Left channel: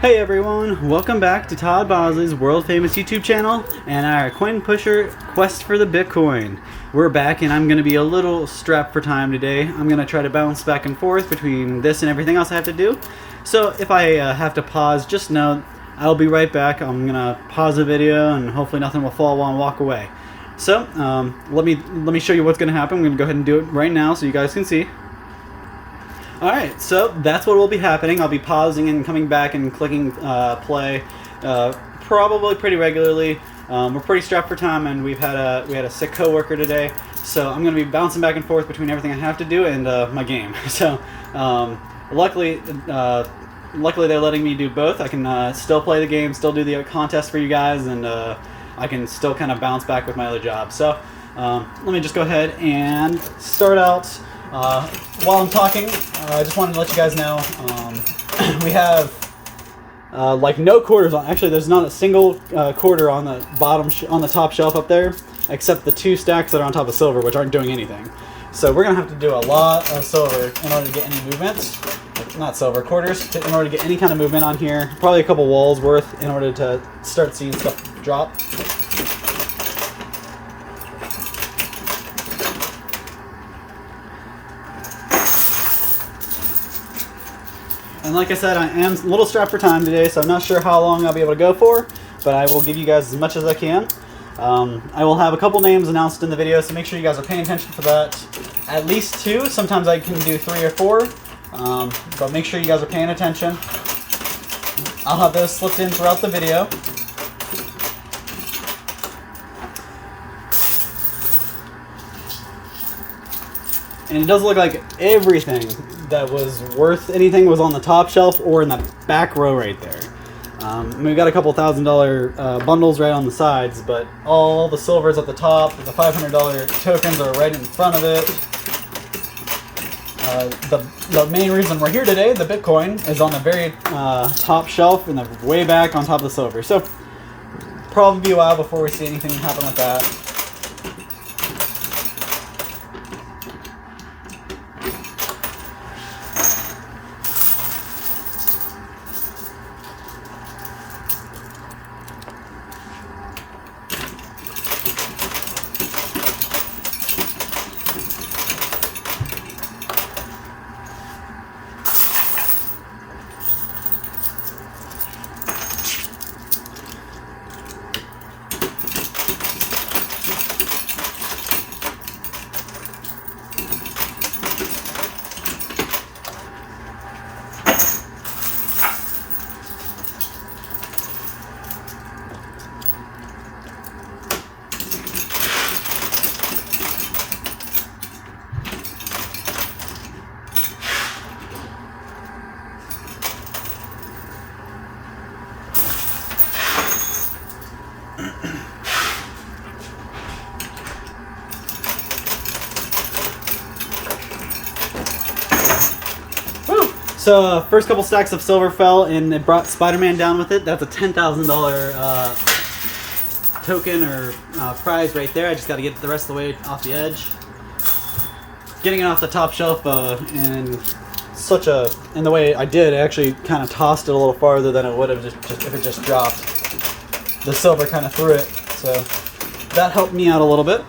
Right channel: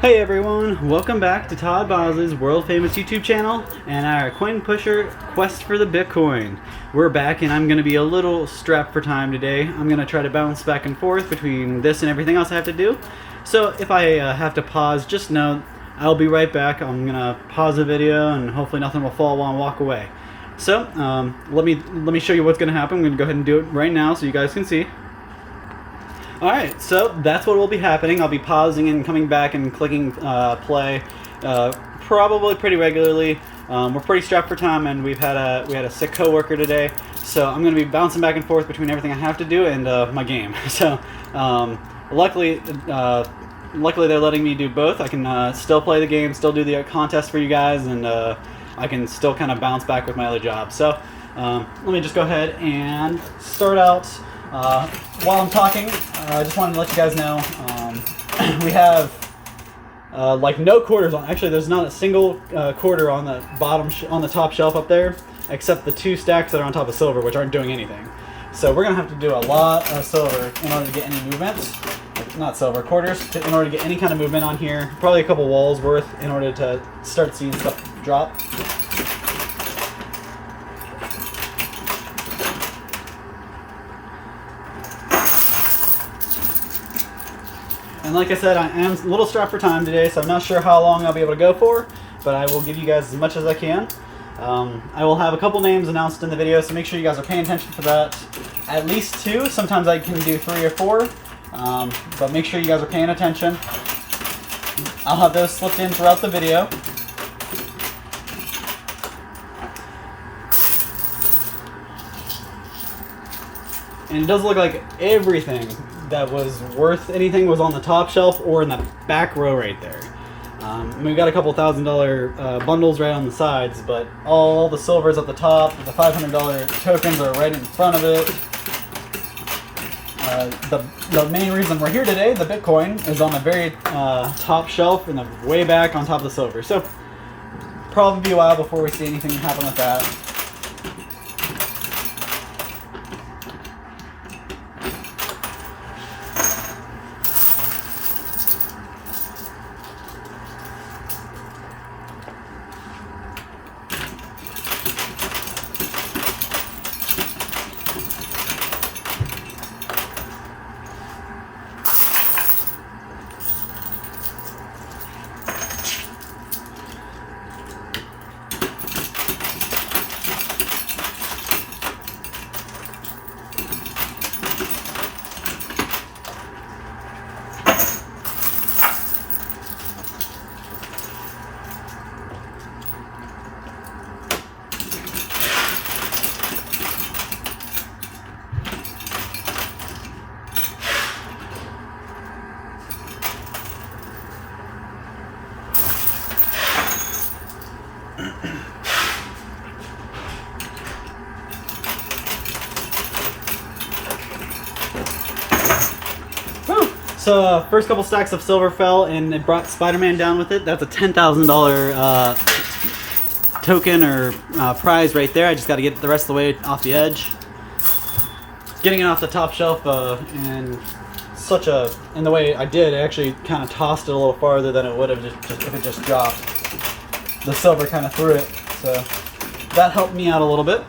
Hey everyone, welcome back to Todd Boz's world famous YouTube channel and our coin pusher quest for the Bitcoin. We're back and I'm going to be a little strapped for time today. I'm going to try to bounce back and forth between this and everything else I have to do. So if I have to pause, just know I'll be right back. I'm going to pause the video and hopefully nothing will fall while I walk away. So let me show you what's going to happen. I'm going to go ahead and do it right now so you guys can see. Alright, so that's what will be happening. I'll be pausing and coming back and clicking play probably pretty regularly. We're pretty strapped for time and we had a sick coworker today, so I'm going to be bouncing back and forth between everything I have to do and my game. So luckily they're letting me do both. I can still play the game, still do the contest for you guys, and I can still kind of bounce back with my other job. So let me just go ahead and start out. While I'm talking, I just wanted to let you guys know we have like no quarters on. Actually, there's not a single quarter on the on the top shelf up there, except the 2 stacks that are on top of silver, which aren't doing anything. So we're gonna have to do a lot of silver in order to get any movement. Not silver, quarters, in order to get any kind of movement on here. Probably a couple walls worth in order to start seeing stuff drop. And like I said, I am a little strapped for time today, so I'm not sure how long I'll be able to go for, but I will give you guys as much as I can. I will have a couple names announced in the video, so make sure you guys are paying attention for that. At least 2, sometimes I can do 3 or 4, but make sure you guys are paying attention. I'll have those slipped in throughout the video. And it does look like everything that was worth anything was on the top shelf or in the back row right there. We got a couple $1,000 bundles right on the sides, but all the silver's at the top. The $500 tokens are right in front of it. The main reason we're here today, the Bitcoin, is on the very top shelf and the way back on top of the silver. So probably be a while before we see anything happen with that. So first couple stacks of silver fell and it brought Spider-Man down with it. That's a $10,000 token or prize right there. I just got to get the rest of the way off the edge. Getting it off the top shelf and the way I did, I actually kind of tossed it a little farther than it would have just if it just dropped. The silver kind of threw it, so that helped me out a little bit.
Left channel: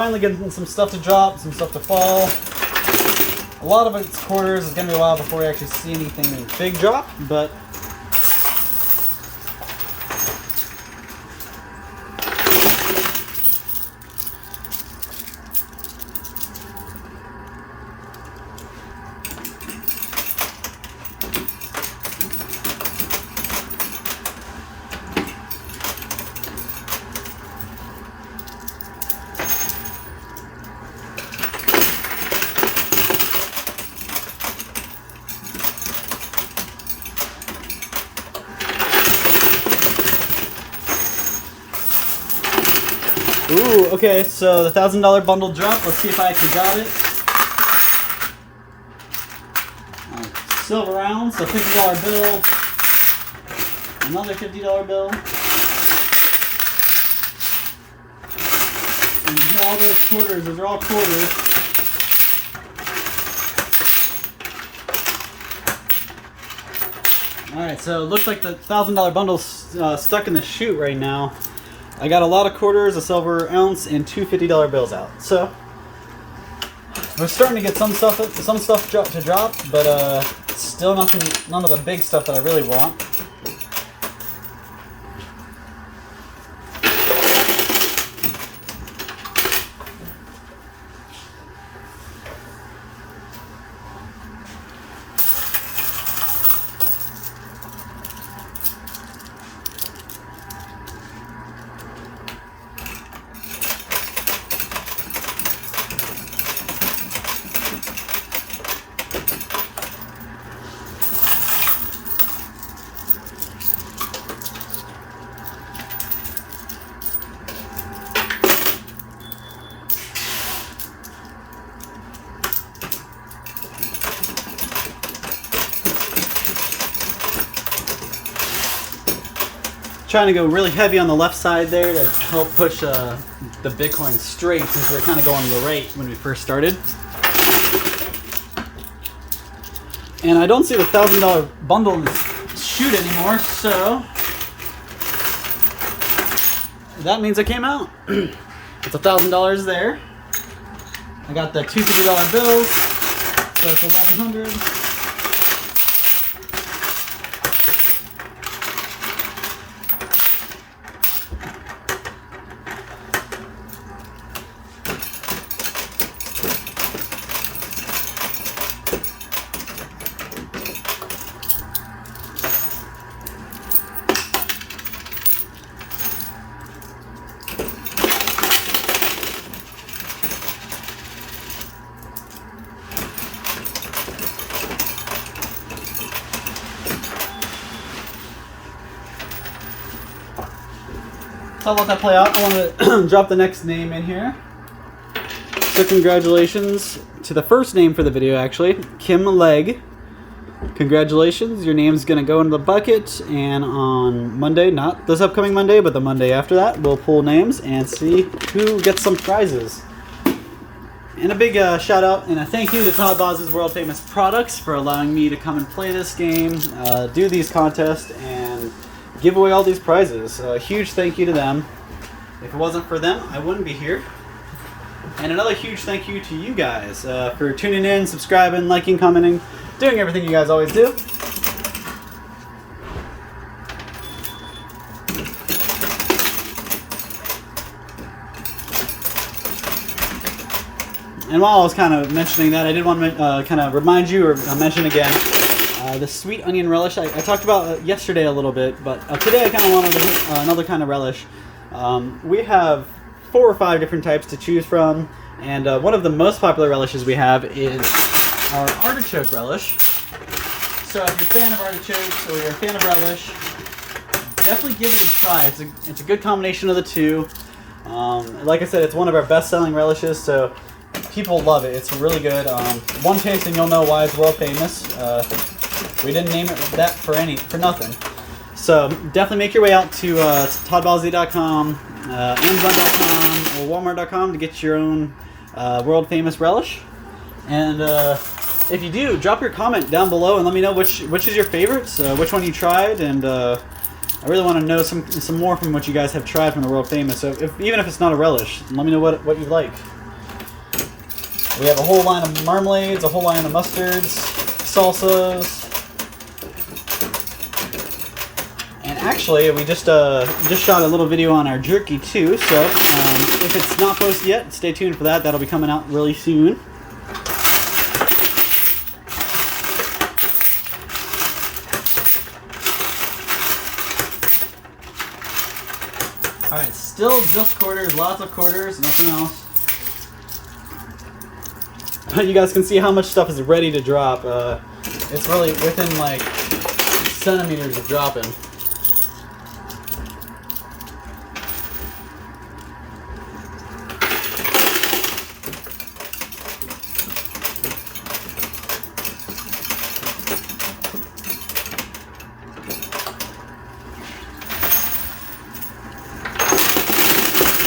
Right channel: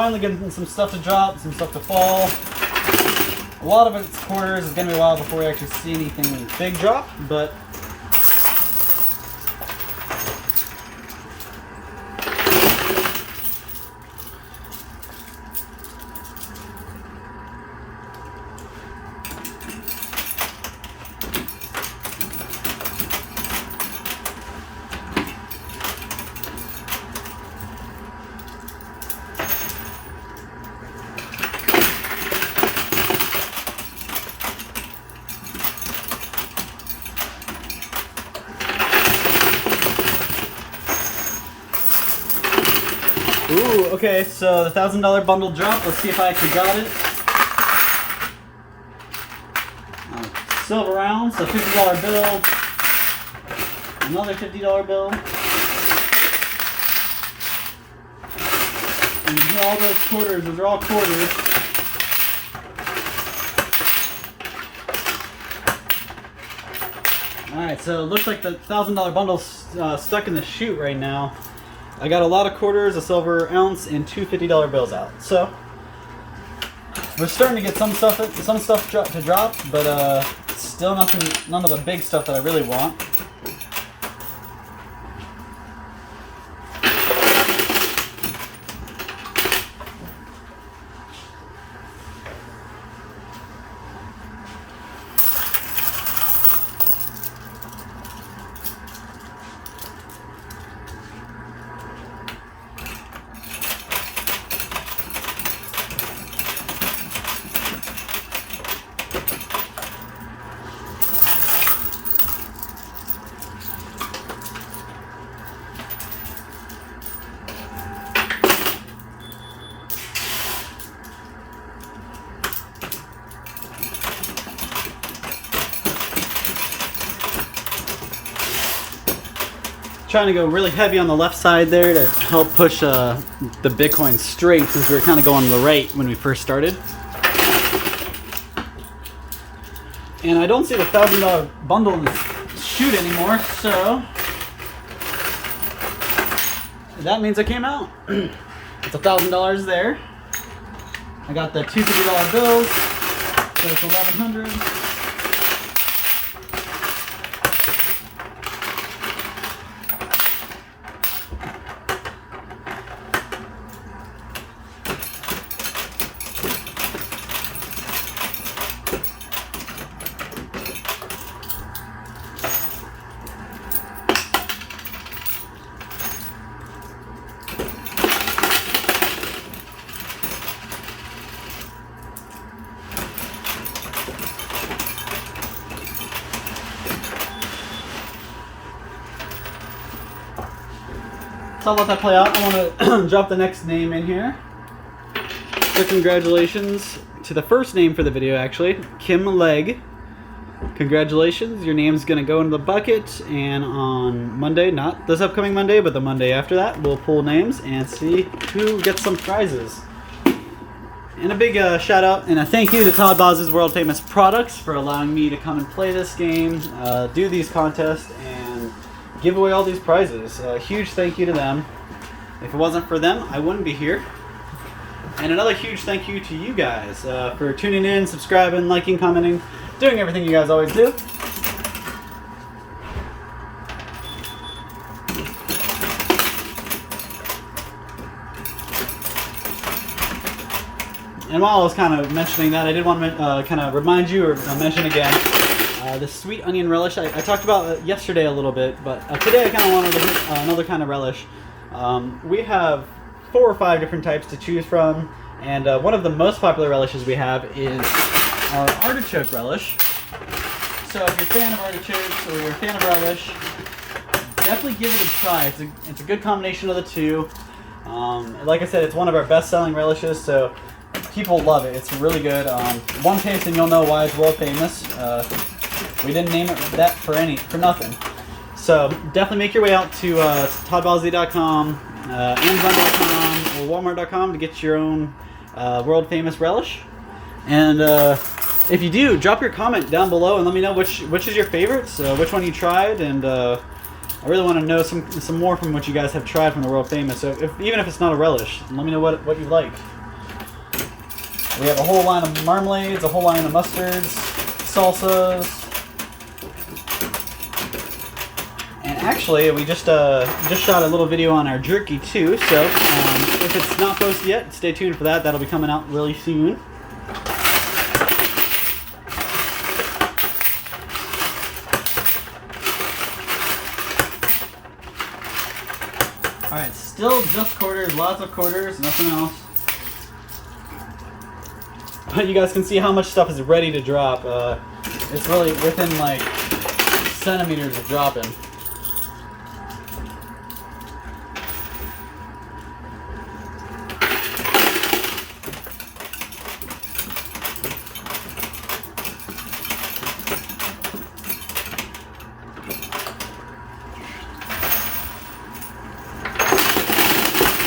finally getting some stuff to drop, some stuff to fall. A lot of it's quarters. It's gonna be a while before we actually see anything big drop, but ooh, okay, so the $1,000 bundle drop. Let's see if I actually got it. Silver rounds, so $50 bill. Another $50 bill. And all those quarters, those are all quarters. Alright, so it looks like the $1,000 bundle's stuck in the chute right now. I got a lot of quarters, a silver ounce, and two $50 bills out. So we're starting to get some stuff to drop, but still none of the big stuff that I really want. Trying to go really heavy on the left side there to help push the Bitcoin straight, since we were kind of going to the right when we first started. And I don't see the $1,000 bundle in the chute anymore, so that means it came out. It's $1,000 there. I got the two $50 bills, so it's $1,100. So I'll let that play out. I want to drop the next name in here. So congratulations to the first name for the video, actually, Kim Legg. Congratulations, your name's going to go into the bucket, and on Monday, not this upcoming Monday, but the Monday after that, we'll pull names and see who gets some prizes. And a big shout out and a thank you to Todd Boz's World Famous Products for allowing me to come and play this game, do these contests, and give away all these prizes. A huge thank you to them. If it wasn't for them, I wouldn't be here. And another huge thank you to you guys for tuning in, subscribing, liking, commenting, doing everything you guys always do. And while I was kind of mentioning that, I did want to kind of remind you or mention again the sweet onion relish. I talked about yesterday a little bit, but today I kind of wanted another kind of relish. We have 4 or 5 different types to choose from, and one of the most popular relishes we have is our artichoke relish. So if you're a fan of artichokes or you're a fan of relish, definitely give it a try. It's a good combination of the two. Like I said, it's one of our best-selling relishes, so people love it. It's really good. One taste and you'll know why it's world famous. We didn't name it that for nothing. So definitely make your way out to toddbalsy.com, Amazon.com, or Walmart.com to get your own world famous relish. And if you do, drop your comment down below and let me know which is your favorite, which one you tried, and I really want to know some more from what you guys have tried from the world famous. So even if it's not a relish, let me know what you like. We have a whole line of marmalades, a whole line of mustards, salsas. And actually, we just shot a little video on our jerky too, so if it's not posted yet, stay tuned for that. That'll be coming out really soon. Alright, still just quarters, lots of quarters, nothing else. But you guys can see how much stuff is ready to drop. It's really within like centimeters of dropping.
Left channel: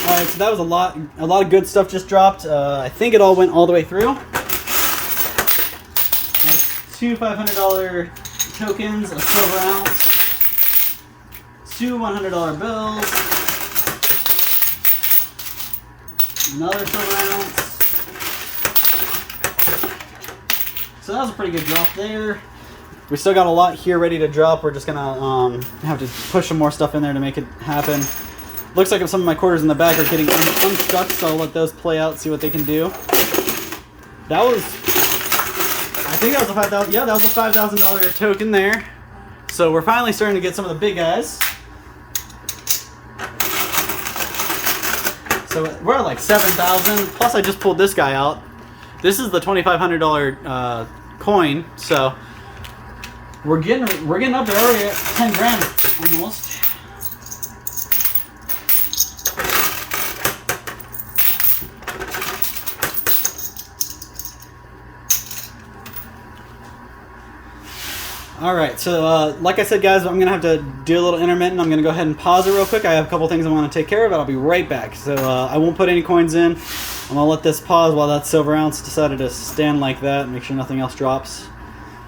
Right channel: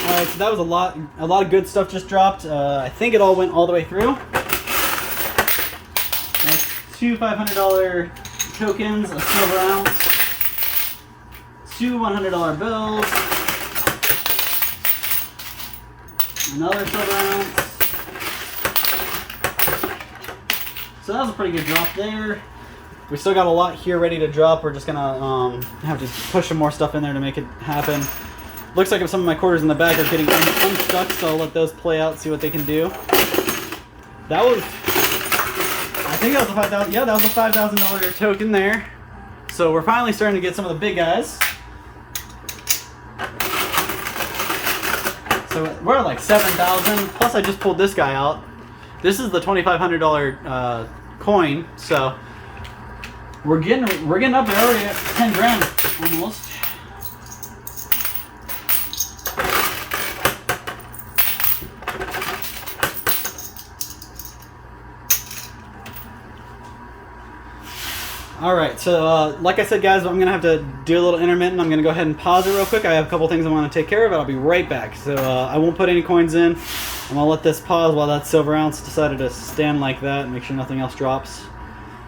Alright, so that was a lot of good stuff just dropped. I think it all went all the way through. That's 2 $500 tokens, a silver ounce, 2 $100 bills, another silver ounce. So that was a pretty good drop there. We still got a lot here ready to drop. We're just gonna have to push some more stuff in there to make it happen. Looks like some of my quarters in the back are getting unstuck, so I'll let those play out, see what they can do. That was, I think that was a $5,000, yeah, that was a $5,000 token there. So we're finally starting to get some of the big guys. So we're at like 7,000, plus I just pulled this guy out. This is the $2,500 coin, so we're getting up there already at 10 grand almost. Alright, so like I said, guys, I'm going to have to do a little intermittent. I'm going to go ahead and pause it real quick. I have a couple things I want to take care of, but I'll be right back. So I won't put any coins in. I'm going to let this pause while that silver ounce decided to stand like that, make sure nothing else drops.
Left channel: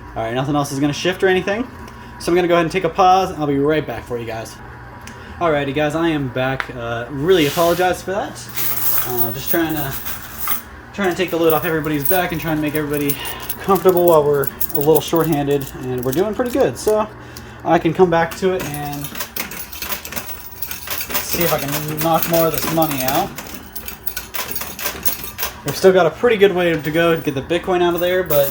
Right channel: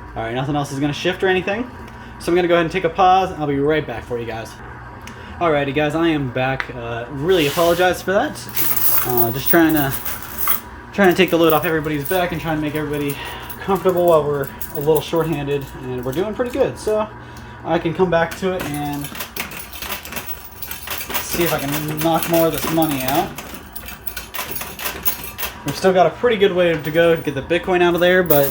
Alright, nothing else is going to shift or anything. So I'm going to go ahead and take a pause, and I'll be right back for you guys. Alrighty, guys, I am back. Really apologize for that. Just trying to take the load off everybody's back and trying to make everybody comfortable while we're a little short-handed, and we're doing pretty good. So I can come back to it and see if I can knock more of this money out. We've still got a pretty good way to go to get the Bitcoin out of there, but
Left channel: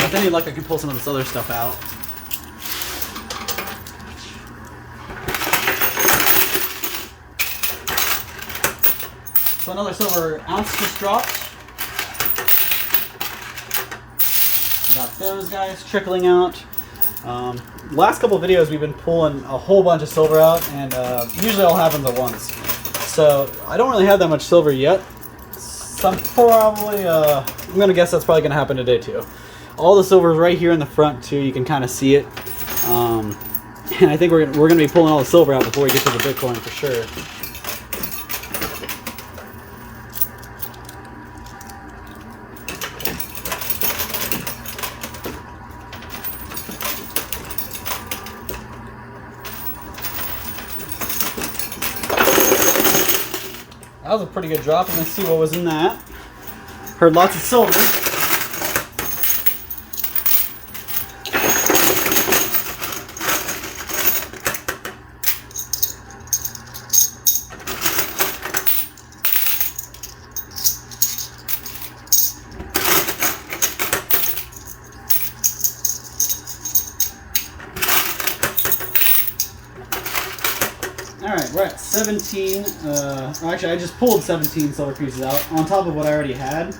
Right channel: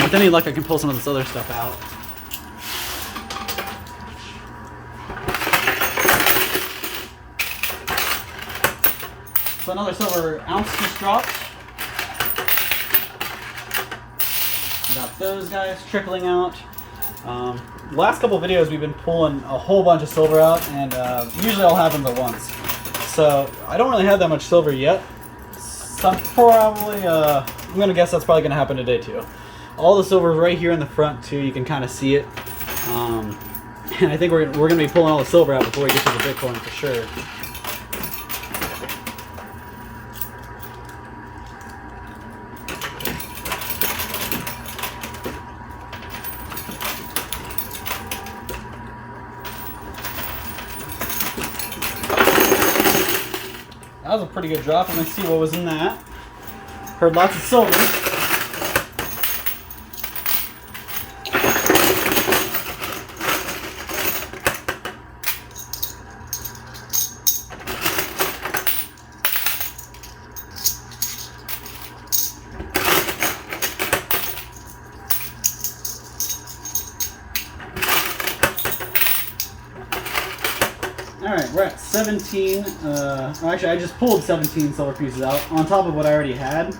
with any luck I can pull some of this other stuff out. So another silver ounce just dropped. I got those guys trickling out. Last couple of videos we've been pulling a whole bunch of silver out, and usually all happens at once. So I don't really have that much silver yet. So I'm gonna guess that's probably gonna happen today too. All the silver is right here in the front too. You can kind of see it. And I think we're gonna be pulling all the silver out before we get to the Bitcoin for sure. That was a pretty good drop. Let's see what was in that. Heard lots of silver. Alright, we're at 17, actually I just pulled 17 silver pieces out, on top of what I already had.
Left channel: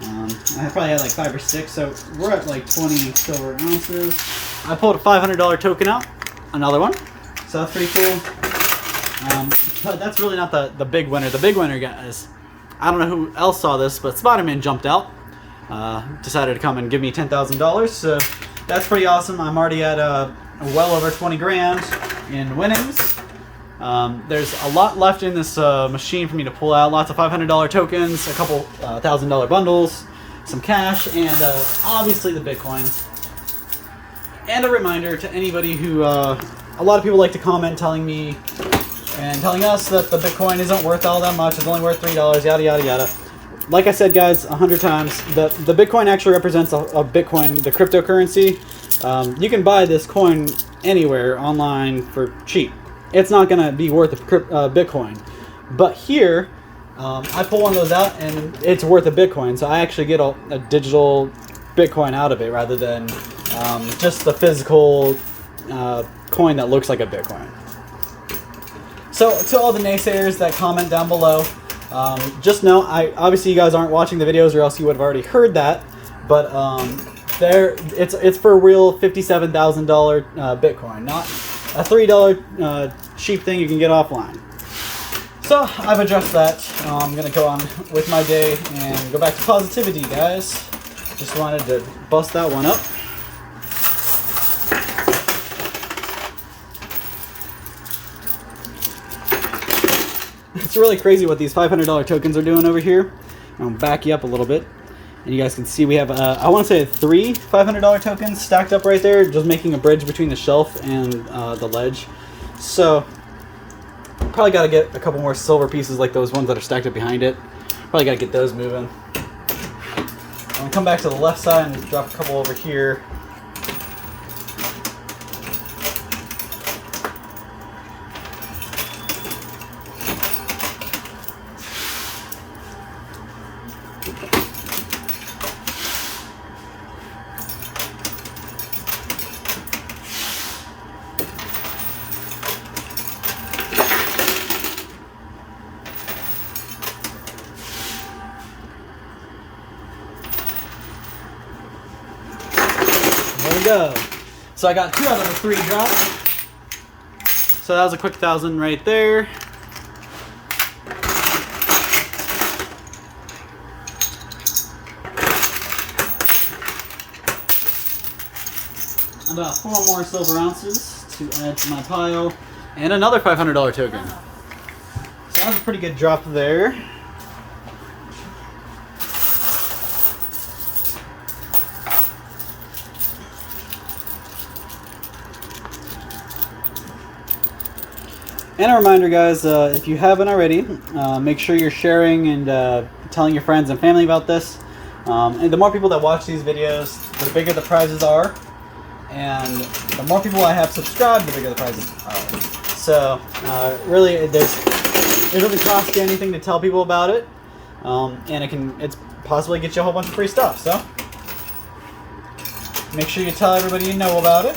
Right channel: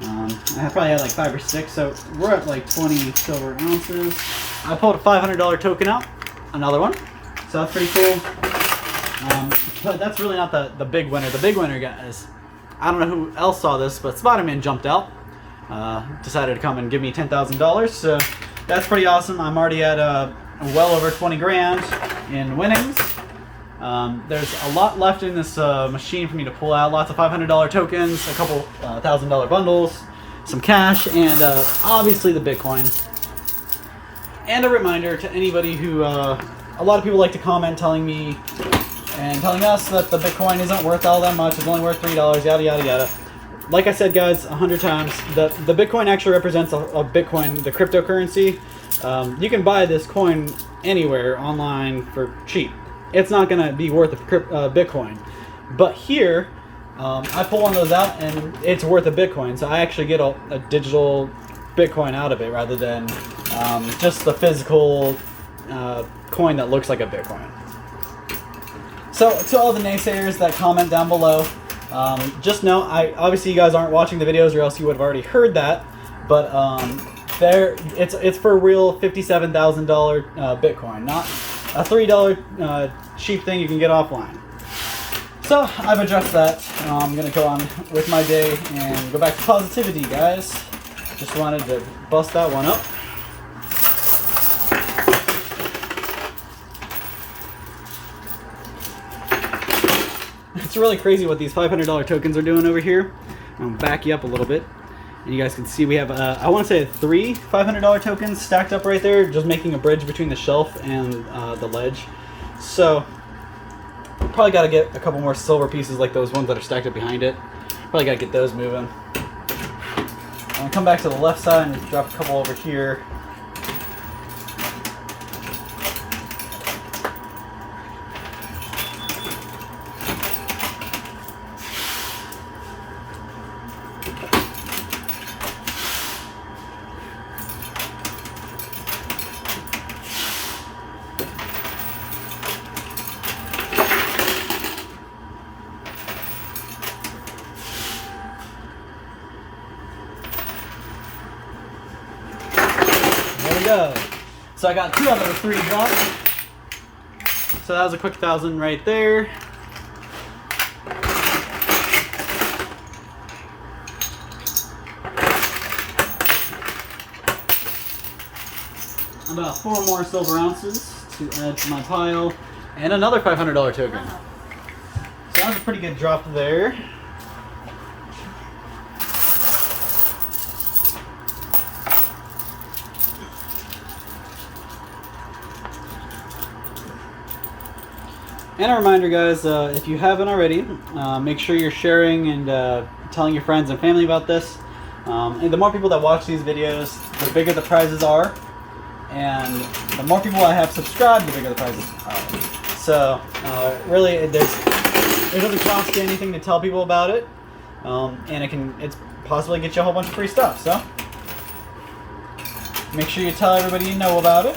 I probably had like 5 or 6, so we're at like 20 silver ounces. I pulled a $500 token out, another one, so that's pretty cool. But that's really not the big winner. The big winner, guys, I don't know who else saw this, but Spider-Man jumped out, decided to come and give me $10,000, so that's pretty awesome. I'm already at well over 20 grand in winnings. There's a lot left in this machine for me to pull out. Lots of $500 tokens, a couple $1,000 bundles, some cash, and obviously the Bitcoin. And a reminder to anybody who a lot of people like to comment telling me and telling us that the Bitcoin isn't worth all that much. It's only worth $3, yada, yada, yada. Like I said, guys, 100 times, the Bitcoin actually represents a Bitcoin, the cryptocurrency. You can buy this coin anywhere online for cheap. It's not going to be worth a Bitcoin. But here, I pull one of those out and it's worth a Bitcoin. So I actually get a digital Bitcoin out of it rather than just the physical coin that looks like a Bitcoin. So to all the naysayers that comment down below, just know, obviously you guys aren't watching the videos or else you would have already heard that, but it's for a real $57,000 Bitcoin, not a $3 cheap thing you can get offline. So I've addressed that. I'm going to go on with my day and go back to positivity, guys. Just wanted to bust that one up. It's really crazy what these $500 tokens are doing over here. I'll back you up a little bit. And you guys can see we have, I want to say 3 $500 tokens stacked up right there, just making a bridge between the shelf and the ledge. So, probably got to get a couple more silver pieces like those ones that are stacked up behind it. Probably got to get those moving. I'm going to come back to the left side and drop a couple over here. There we go. So I got 2 out of the 3 dropped. So that was a quick 1,000 right there. About 4 more silver ounces to add to my pile, and another $500 token. So that was a pretty good drop there. And a reminder, guys, if you haven't already, make sure you're sharing and telling your friends and family about this. And the more people that watch these videos, the bigger the prizes are. And the more people I have subscribed, the bigger the prizes are. So, really, it doesn't cost you anything to tell people about it. And it's possibly get you a whole bunch of free stuff. So, make sure you tell everybody you know about it.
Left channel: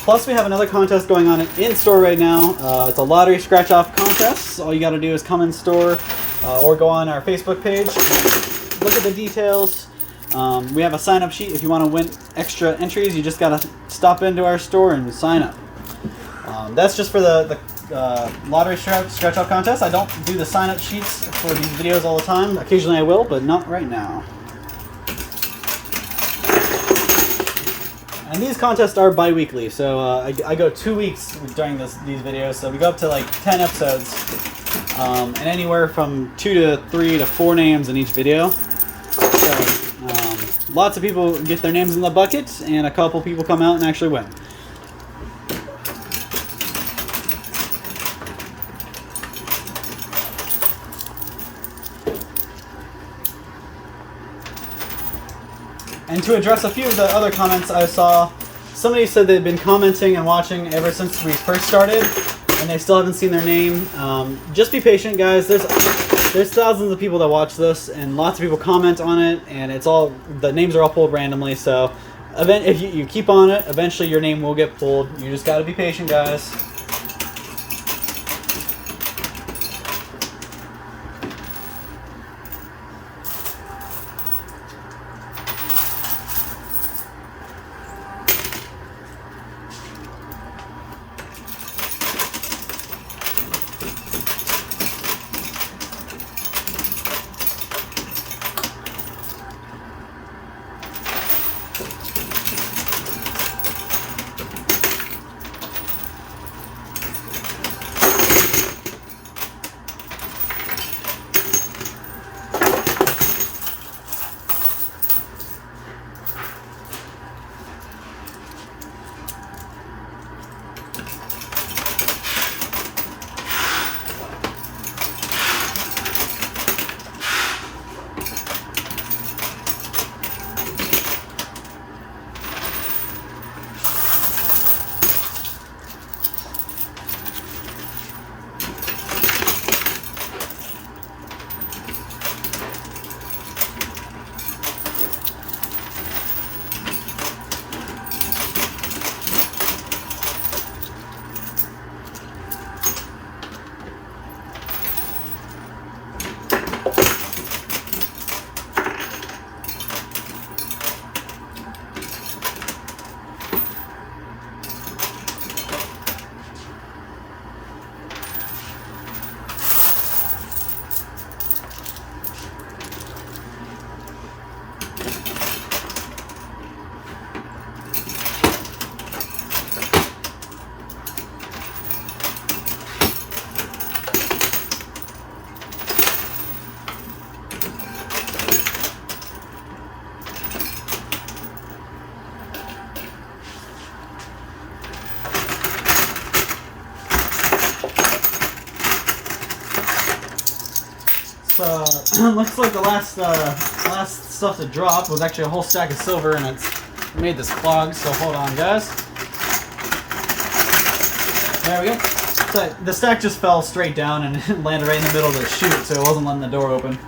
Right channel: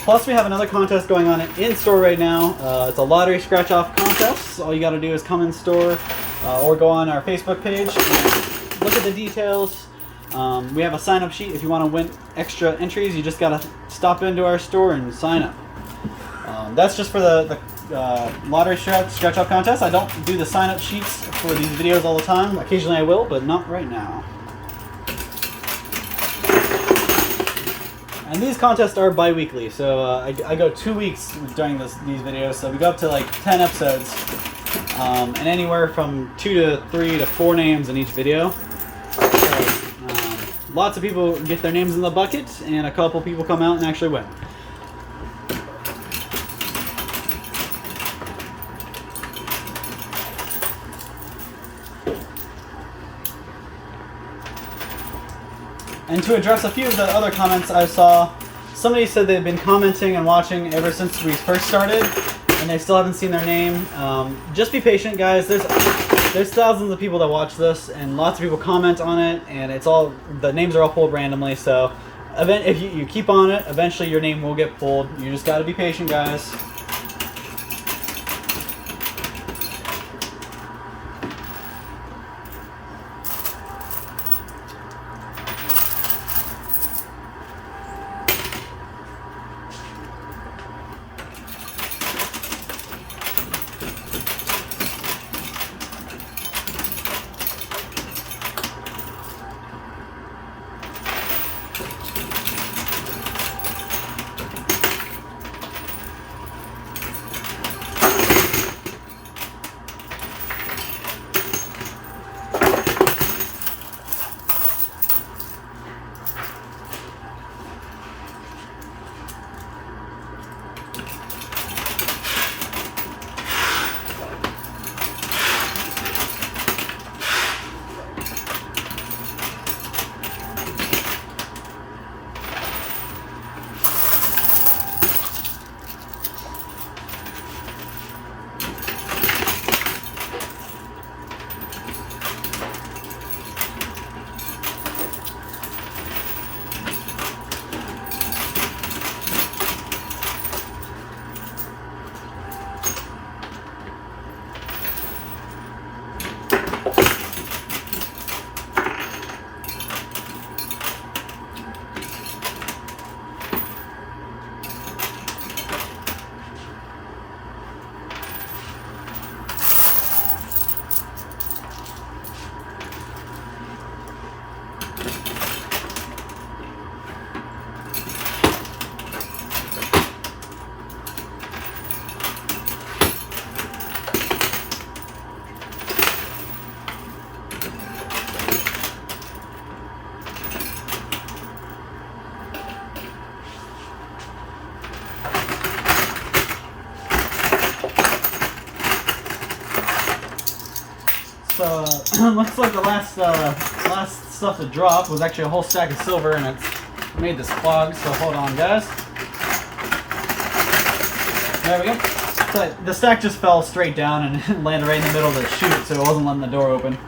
Plus, we have another contest going on in store right now. It's a lottery scratch-off contest. All you got to do is come in store or go on our Facebook page, look at the details. We have a sign-up sheet. If you want to win extra entries, you just got to stop into our store and sign up. That's just for the lottery scratch-off contest. I don't do the sign-up sheets for these videos all the time. Occasionally I will, but not right now. And these contests are bi-weekly, so I go 2 weeks during these videos, so we go up to like 10 episodes, and anywhere from 2 to 3 to 4 names in each video. So, lots of people get their names in the bucket, and a couple people come out and actually win. And to address a few of the other comments I saw, somebody said they've been commenting and watching ever since we first started, and they still haven't seen their name. Just be patient, guys. There's thousands of people that watch this, and lots of people comment on it, and the names are all pulled randomly. So, if you keep on it, eventually your name will get pulled. You just got to be patient, guys. looks like the last stuff to drop was actually a whole stack of silver, and it's made this clog. So hold on, guys. There we go. So the stack just fell straight down and landed right in the middle of the chute, so it wasn't letting the door open.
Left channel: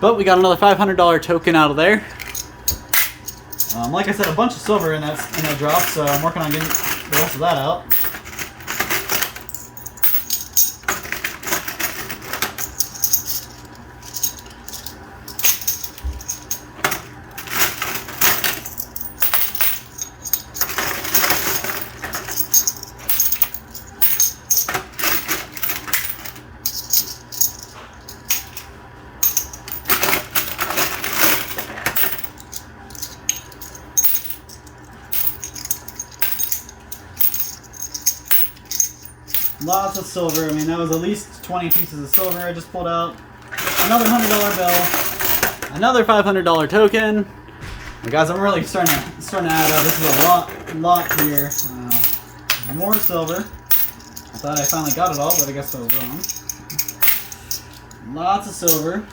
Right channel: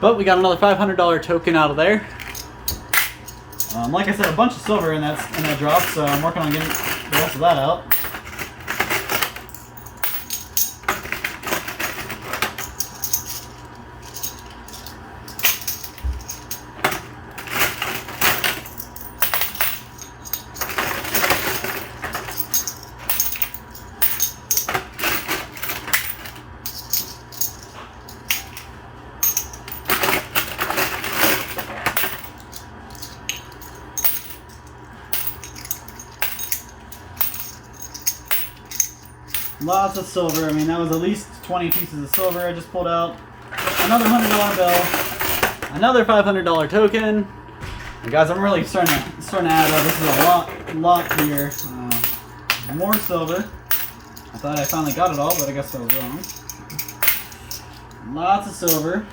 But we got another $500 token out of there. Like I said, a bunch of silver in that drop, so I'm working on getting the rest of that out. Lots of silver. I mean, that was at least 20 pieces of silver I just pulled out. Another $100 bill. Another $500 token. And guys, I'm really starting to add up. This is a lot here. More silver. I thought I finally got it all, but I guess I was wrong. Lots of silver.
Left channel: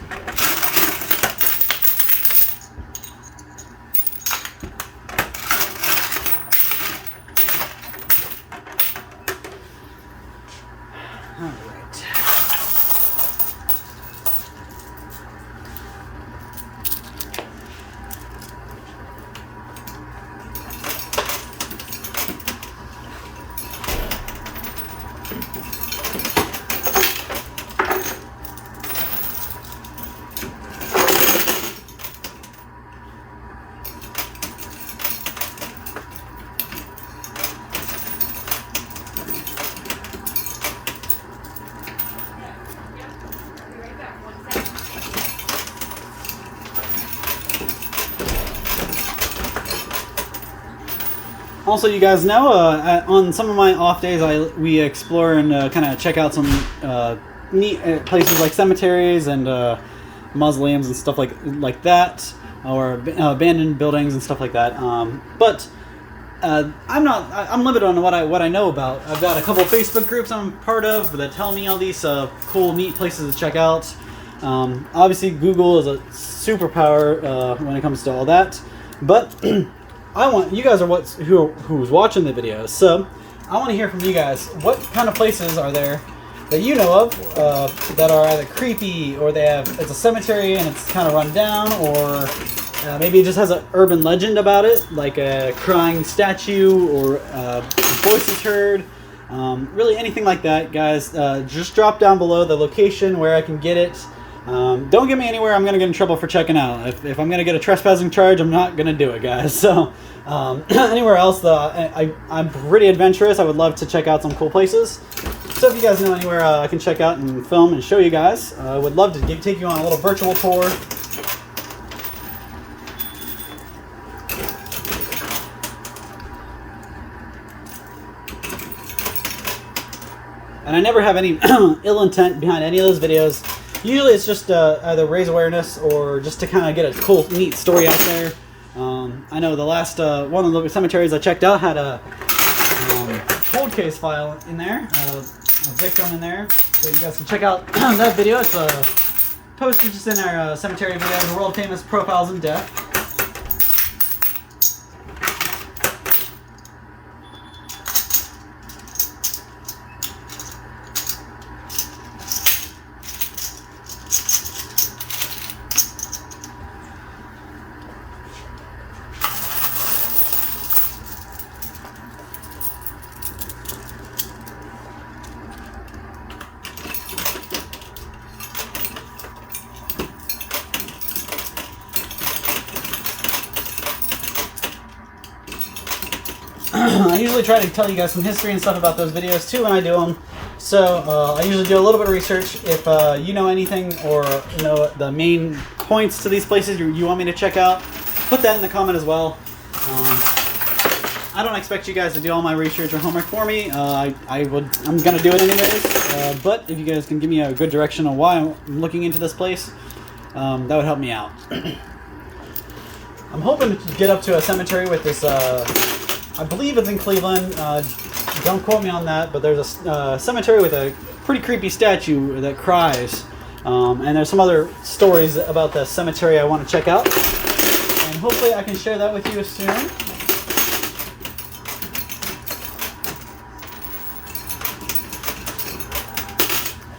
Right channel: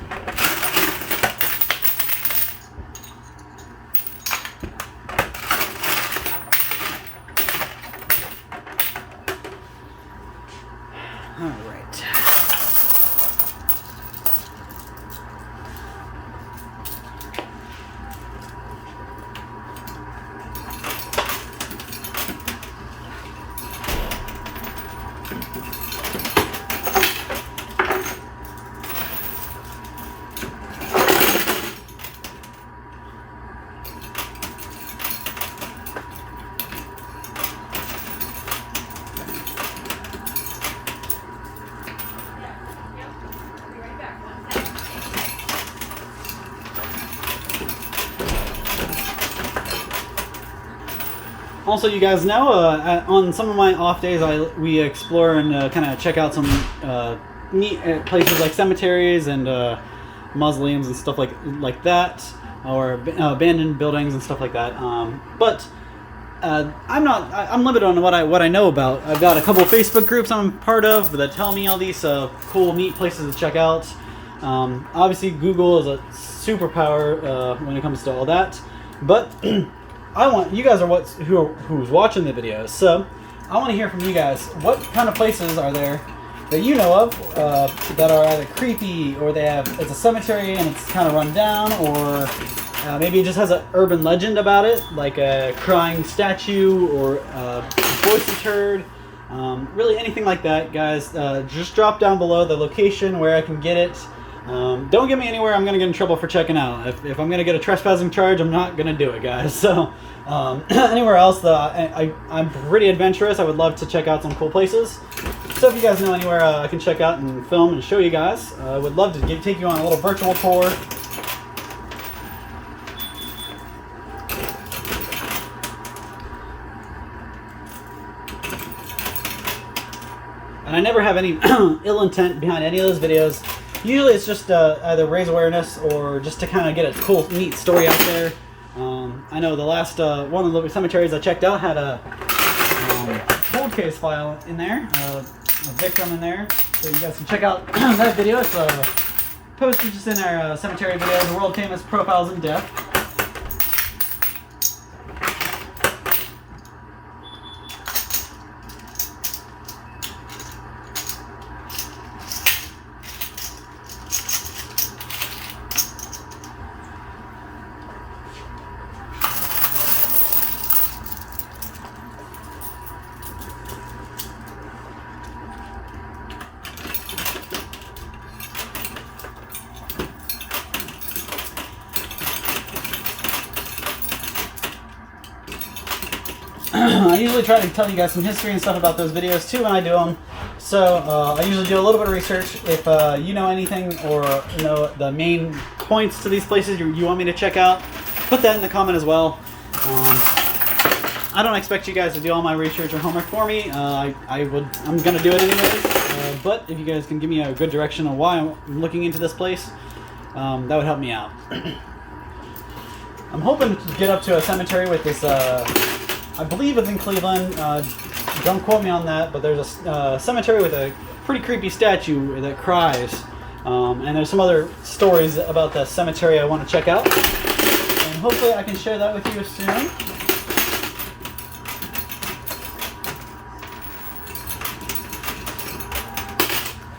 All right. Also, you guys know, on some of my off days, we explore and kind of check out some neat places like cemeteries and mausoleums and stuff like that, or abandoned buildings and stuff like that. But I'm limited on what I know about. I've got a couple of Facebook groups I'm part of that tell me all these cool, neat places to check out. Obviously, Google is a superpower when it comes to all that, but I want you guys are who's watching the videos, so I want to hear from you guys. What kind of places are there that you know of that are either creepy, or it's a cemetery and it's kind of run down, or maybe it just has an urban legend about it, like a crying statue or voices heard. Really anything like that, guys. Just drop down below the location where I can get it. Don't get me anywhere I'm going to get in trouble for checking out. If I'm going to get a trespassing charge, I'm not going to do it, guys. So anywhere else, I'm pretty adventurous. I would love to check out some cool places. So if you guys know anywhere I can check out and film and show you guys, I would love to take you on a little virtual tour. And I never have any ill intent behind any of those videos. Usually it's just either raise awareness or just to kind of get a cool, neat story out there. I know the last one of the cemeteries I checked out had a cold case file in there, a victim in there. So you guys can check out that video. It's posted just in our cemetery video, the world famous Profiles in Death. I usually try to tell you guys some history and stuff about those videos too when I do them. So I usually do a little bit of research. If you know anything or know the main points to these places you want me to check out, put that in the comment as well. I don't expect you guys to do all my research or homework for me. I'm going to do it anyways. But if you guys can give me a good direction on why I'm looking into this place, that would help me out. I'm hoping to get up to a cemetery with this, I believe it's in Cleveland. Don't quote me on that, but there's a cemetery with a pretty creepy statue that cries. And there's some other stories about the cemetery I want to check out. And hopefully I can share that with you soon.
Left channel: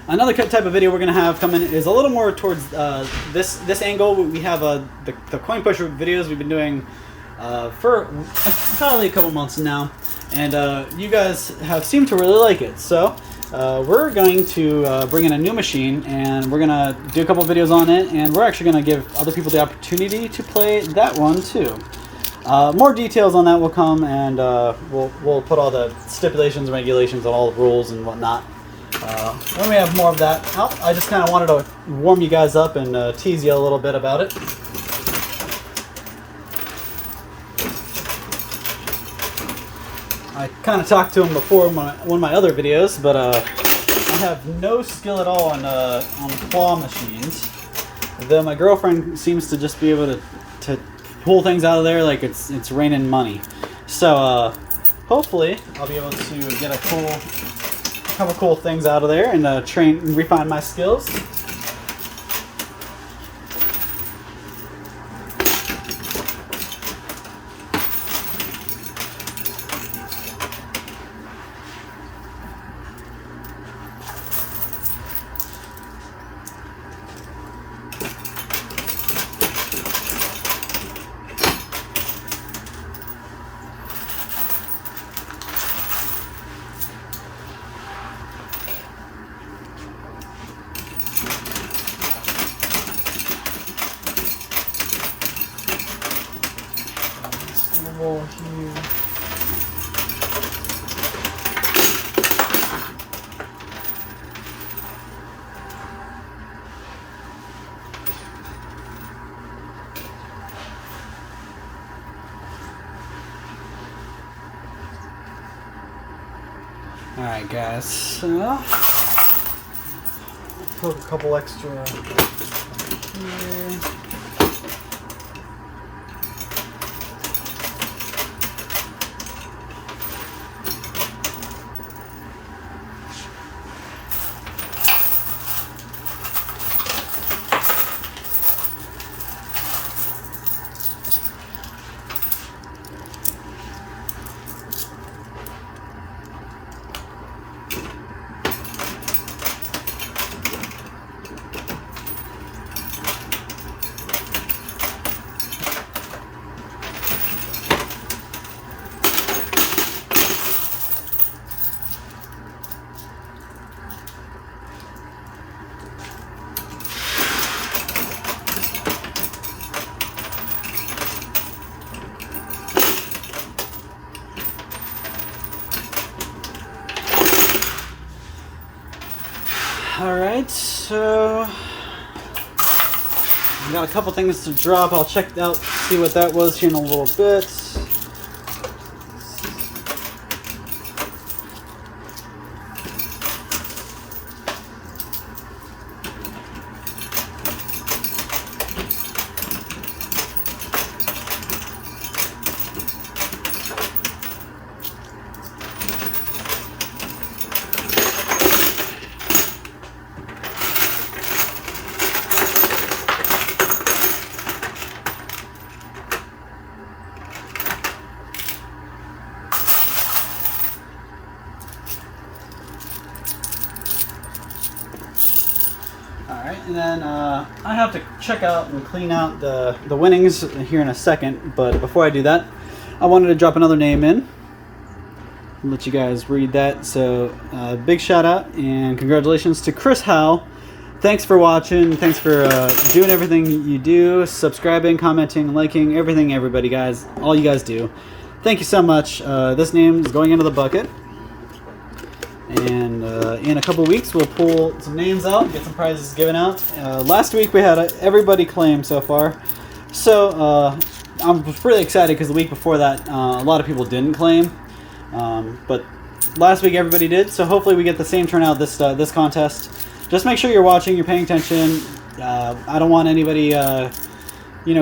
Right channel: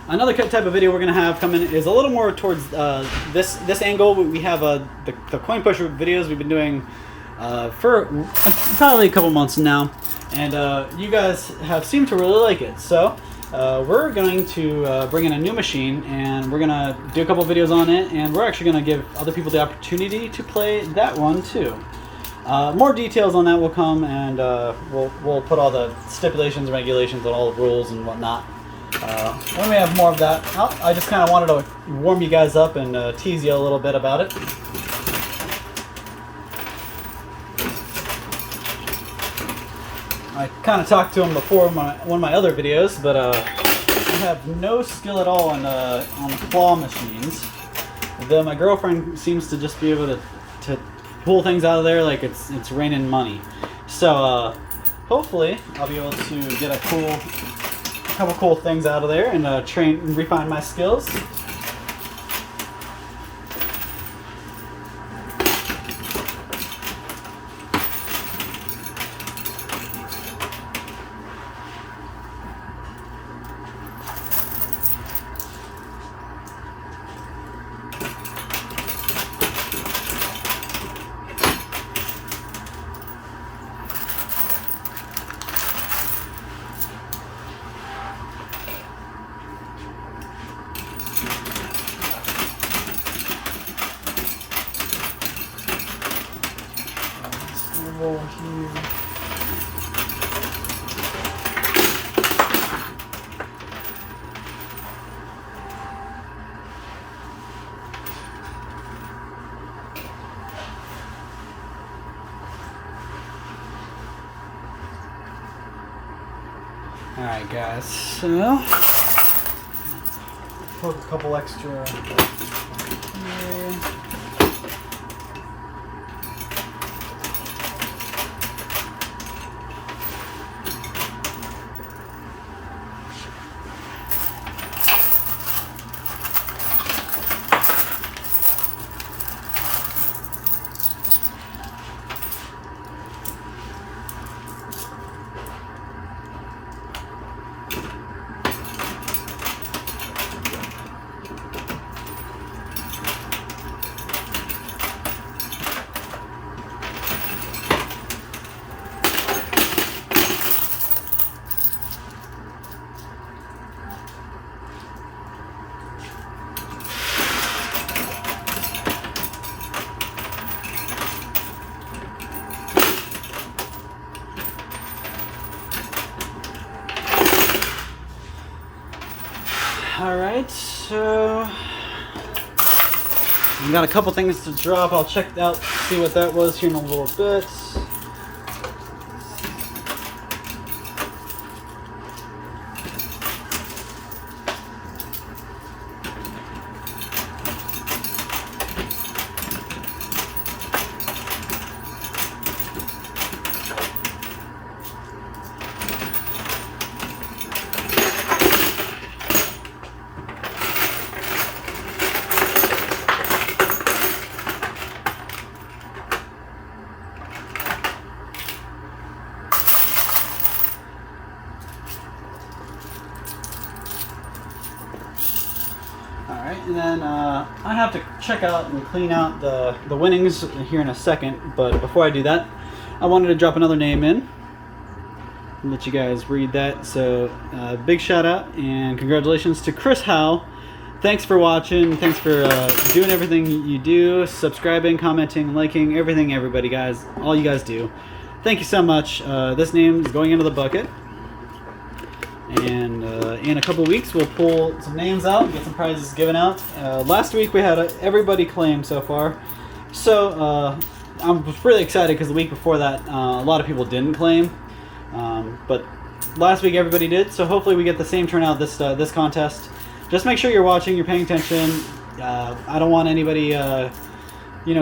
Another type of video we're going to have coming is a little more towards this angle. We have the coin pusher videos we've been doing for probably a couple months now, and you guys have seemed to really like it. So we're going to bring in a new machine, and we're going to do a couple videos on it, and we're actually going to give other people the opportunity to play that one too. More details on that will come, and we'll put all the stipulations, regulations, and all the rules and whatnot. When we have more of that out. I just kind of wanted to warm you guys up and tease you a little bit about it. I kind of talked to him before in one of my other videos, but I have no skill at all on claw machines. Though my girlfriend seems to just be able to pull things out of there like it's raining money. So hopefully I'll be able to get a couple cool things out of there and train and refine my skills. Here. Alright guys, so put a couple extra here. Alright, so we got a couple things to drop. I'll check out, see what that was here in a little bit. And then I have to check out and clean out the winnings here in a second, but before I do that, I wanted to drop another name in and let you guys read that. So big shout out and congratulations to Chris Howell. Thanks for watching. Thanks for doing everything you do, subscribing, commenting, liking, everything, everybody, guys. All you guys do. Thank you so much. This name is going into the bucket. And in a couple weeks, we'll pull some names out, get some prizes given out. Last week, we had everybody claim so far. So I'm really excited because the week before that, a lot of people didn't claim. But last week, everybody did. So hopefully we get the same turnout this contest. Just make sure you're watching, you're paying attention. I don't want anybody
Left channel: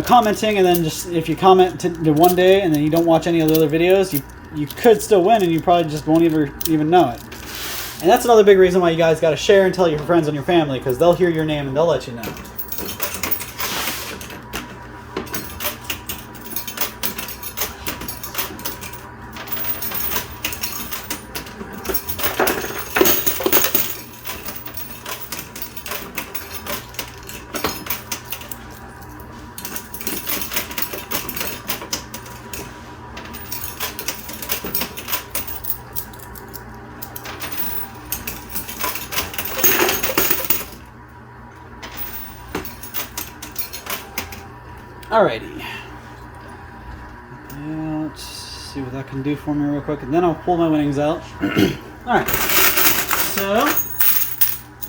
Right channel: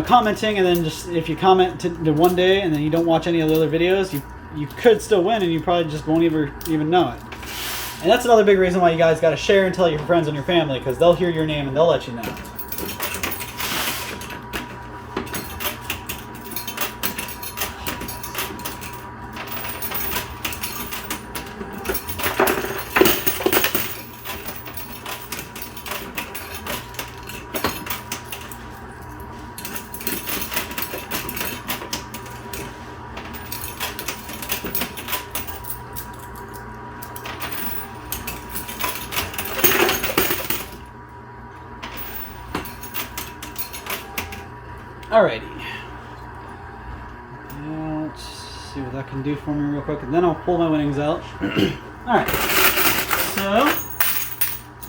commenting, and then just if you comment to one day and then you don't watch any of the other videos, you could still win, and you probably just won't even know it. And that's another big reason why you guys got to share and tell your friends and your family, because they'll hear your name and they'll let you know. Alrighty. Let's see what that can do for me real quick, and then I'll pull my winnings out. Alright. So,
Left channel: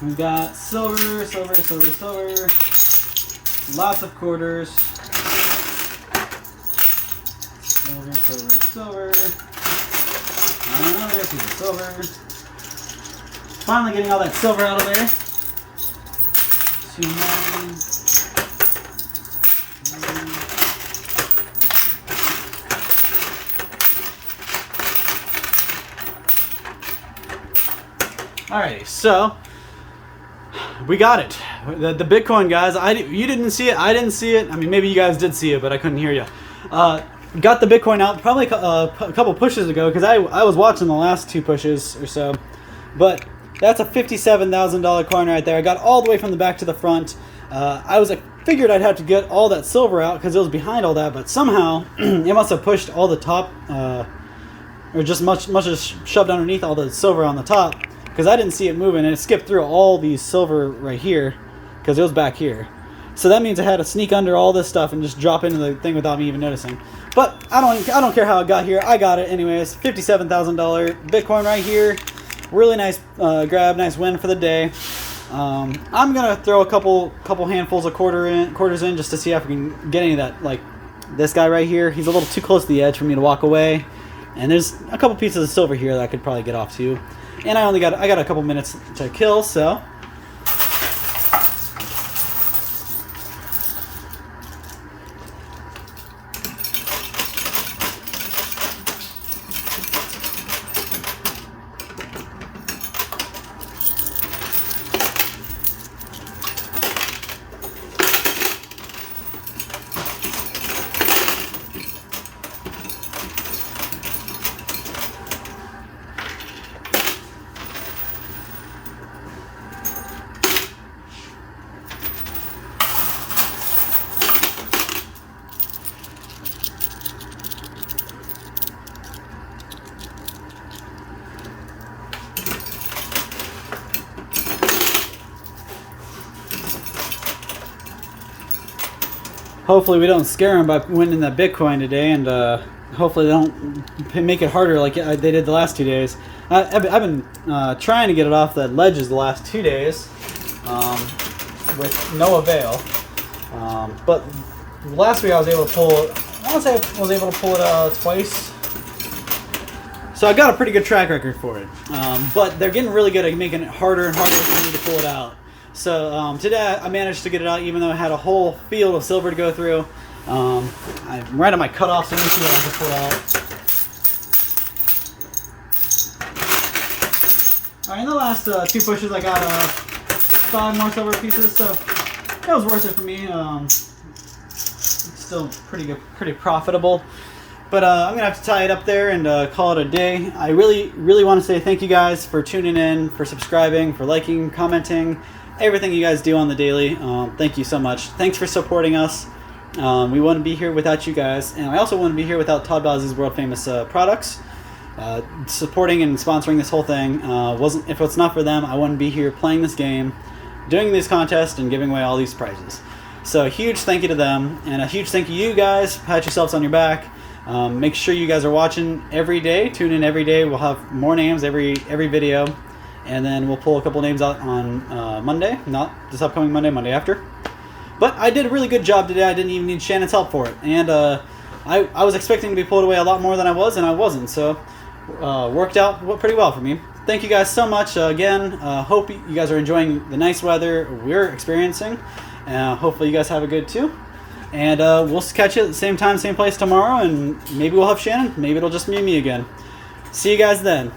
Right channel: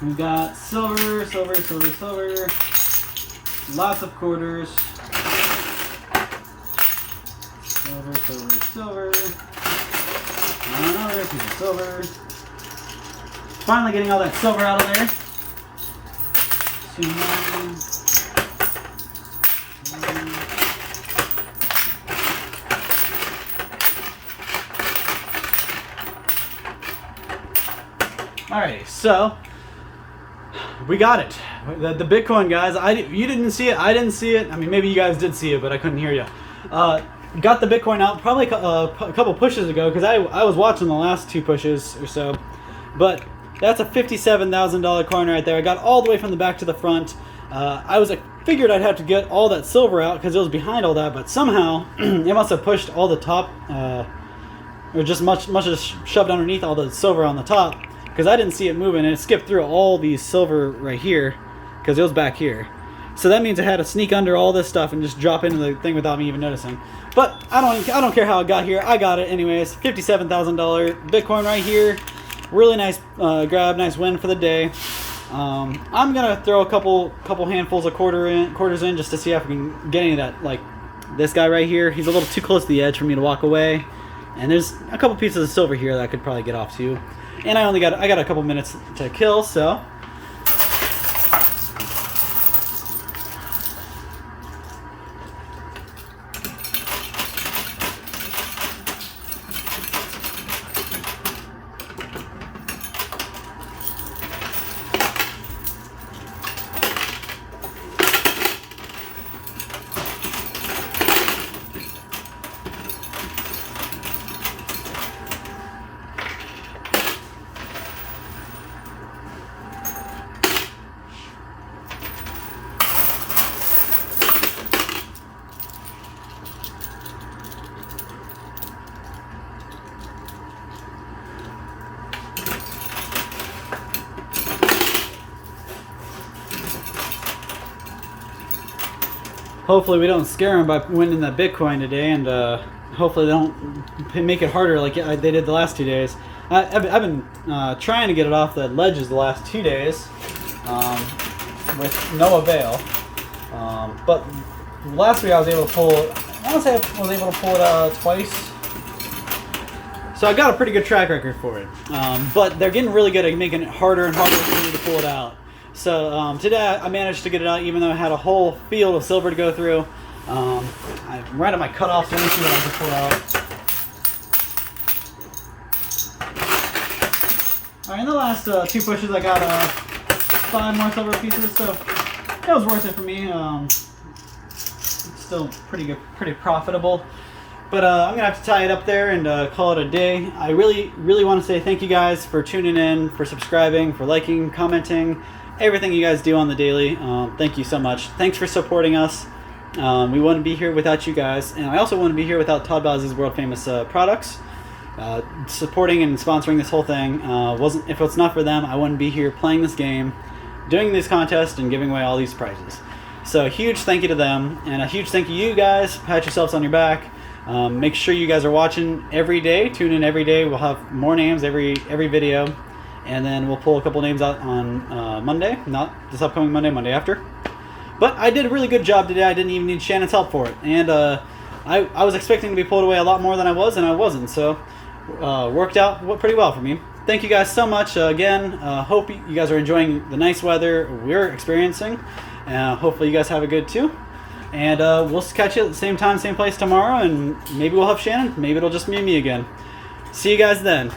we've got silver, silver, silver, silver. Lots of quarters. Silver, silver, silver. Another piece of silver. Finally getting all that silver out of there. 2, 9. Alrighty, so we got it. The Bitcoin, guys. You didn't see it. I didn't see it. I mean, maybe you guys did see it, but I couldn't hear you. Got the Bitcoin out probably a couple pushes ago, because I was watching the last 2 pushes or so. But that's a $57,000 coin right there. I got all the way from the back to the front. I figured I'd have to get all that silver out because it was behind all that, but somehow it must have pushed all the top, or just much shoved underneath all the silver on the top, because I didn't see it moving, and it skipped through all these silver right here because it was back here. So that means I had to sneak under all this stuff and just drop into the thing without me even noticing. But I don't care how it got here. I got it anyways. $57,000 Bitcoin right here. Really nice grab, nice win for the day. I'm gonna throw a couple handfuls of quarters in just to see if I can get any of that. Like this guy right here, he's a little too close to the edge for me to walk away. And there's a couple pieces of silver here that I could probably get off too. And I got a couple minutes to kill, so hopefully we don't scare them by winning that Bitcoin today, and hopefully they don't make it harder like they did the last 2 days. I've been trying to get it off the ledges the last 2 days with no avail. But last week I was able to pull it. I want to say I was able to pull it twice. So I got a pretty good track record for it. But they're getting really good at making it harder and harder for me to pull it out. So today I managed to get it out, even though I had a whole field of silver to go through. I'm right at my cutoff, so let me see what I can pull out. Alright, in the last 2 pushes I got 5 more silver pieces, so that was worth it for me. It's still pretty good, pretty profitable. But I'm going to have to tie it up there and call it a day. I really want to say thank you guys for tuning in, for subscribing, for liking, commenting, everything you guys do on the daily. Thank you so much. Thanks for supporting us. We wouldn't be here without you guys, and I also wouldn't be here without Todd Bowsley's world famous products. Supporting and sponsoring this whole thing if it's not for them, I wouldn't be here playing this game, doing these contests, and giving away all these prizes. So a huge thank you to them, and a huge thank you to you guys. Pat yourselves on your back. Make sure you guys are watching every day. Tune in every day. We'll have more names every video. And then we'll pull a couple names out on Monday. Not this upcoming Monday, Monday after. But I did a really good job today. I didn't even need Shannon's help for it. And I was expecting to be pulled away a lot more than I was, and I wasn't. So worked out pretty well for me. Thank you guys so much. Again, hope you guys are enjoying the nice weather we're experiencing. Hopefully you guys have a good too. And we'll catch you at the same time, same place tomorrow. And maybe we'll have Shannon. Maybe it'll just be me again. See you guys then.